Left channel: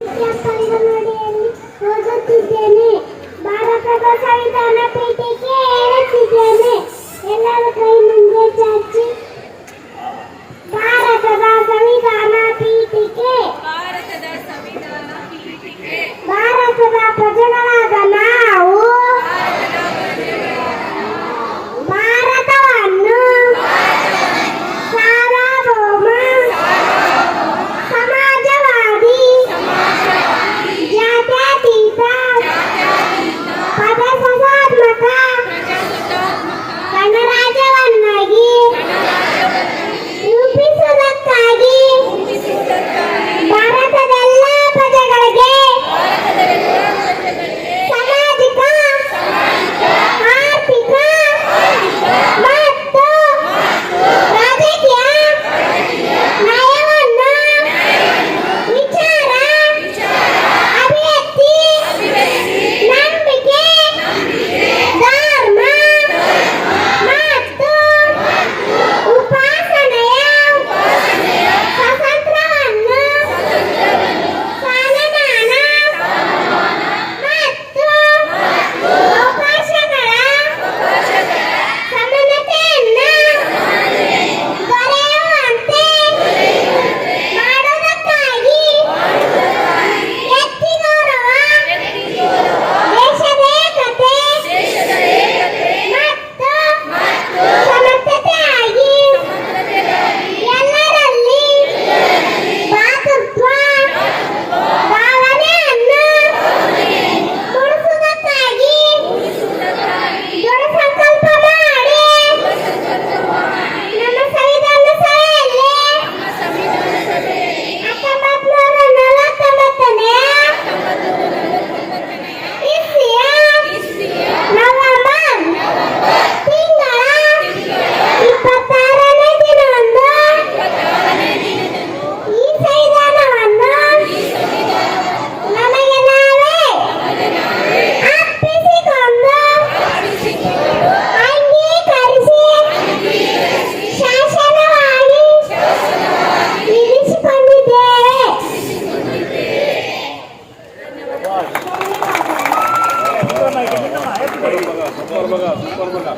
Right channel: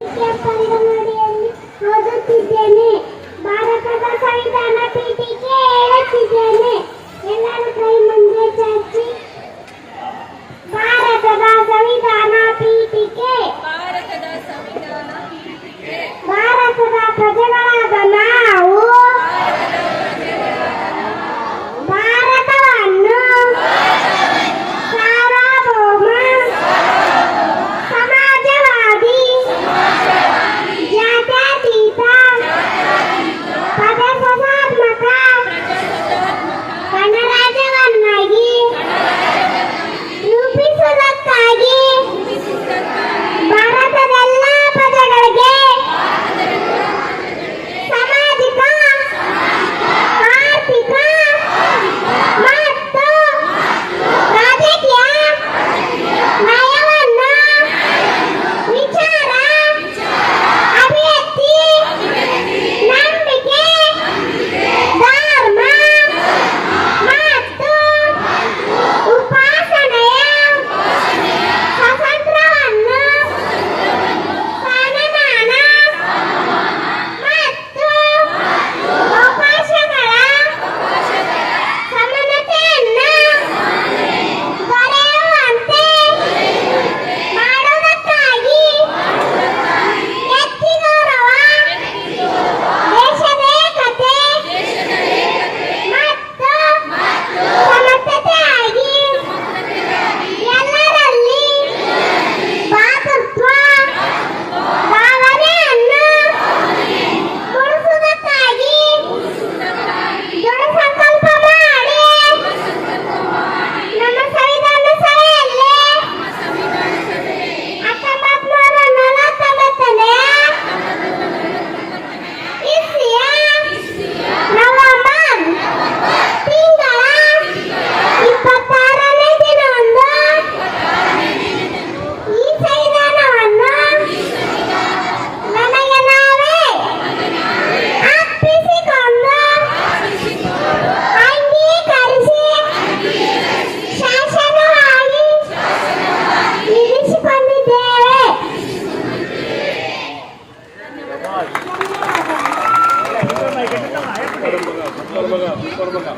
ಪಂಗಮಡಿಯಲ್ಲಿ ಓದುತ್ತಿದ್ದೇನೆ. ಭಾರತದ ಸಂವಿಧಾನ ಪೀಠಿಕೆ ಹೇಳುತ್ತಿದ್ದೇನೆ. ಎಲ್ಲರೂ ಕೈ ಮುಂದೆ ಚಾಚಿ. ಭಾರತದ ಸಂವಿಧಾನ ಪೀಠಿಕೆ ಭಾರತದ ಪ್ರಜೆಗಳಾದ ನಾವು ಭಾರತವನ್ನು ಸಾರ್ವಭೌಮ ಸಮಾಜವಾದಿ ಜಾತ್ಯತೀತ ಪ್ರಜಾಸತ್ತಾತ್ಮಕ ಗಣರಾಜ್ಯವನ್ನಾಗಿ ರೂಪಿಸುವುದಕ್ಕಾಗಿ ಭಾರತದೆಲ್ಲ ಪ್ರಜೆಗಳಿಗೆ ಸಾಮಾಜಿಕ ಆರ್ಥಿಕ ಮತ್ತು ರಾಜಕೀಯ ನ್ಯಾಯವನ್ನು ವಿಚಾರ ಅಭಿವ್ಯಕ್ತಿ ನಂಬಿಕೆ ಧರ್ಮ ಮತ್ತು ಉಪಾಸನೆಯ ಸ್ವಾತಂತ್ರ್ಯವನ್ನು ಸಮಾನ ಮತ್ತು ಅವಕಾಶಗಳ ಸಮಾನತೆಯನ್ನು ದೊರೆಯುವಂತೆ ಮಾಡುವುದಕ್ಕಾಗಿ ವ್ಯಕ್ತಿ ಗೌರವ ದೇಶದ ಏಕತೆ ಮತ್ತು ಸಮರ್ಥತೆಯಾಗಿ ಎಲ್ಲರಲ್ಲಿ ಭಾತೃತ್ವ ಭಾವನೆಯನ್ನು ಮೂಡಿಸುವುದಕ್ಕಾಗಿ ದೃಢ ಸಂಕಲ್ಪ ಮಾಡಿ ನಮ್ಮ ಸಂವಿಧಾನ ಸಭೆಯಲ್ಲಿ 1949ನೇ ಇಸ್ವಿಯ ನವೆಂಬರ್ ತಿಂಗಳ 26ನೇ ದಿನದಂದು ಈ ಸಂವಿಧಾನವನ್ನು ನಮಗೆ ನಾವೇ ಅರ್ಪಿಸಿಕೊಂಡು ಅಂಗೀಕರಿಸಿ ಶಾಸನವಾಗಿ ಇರಿಸಿಕೊಂಡಿದ್ದೇವೆ. Super baga.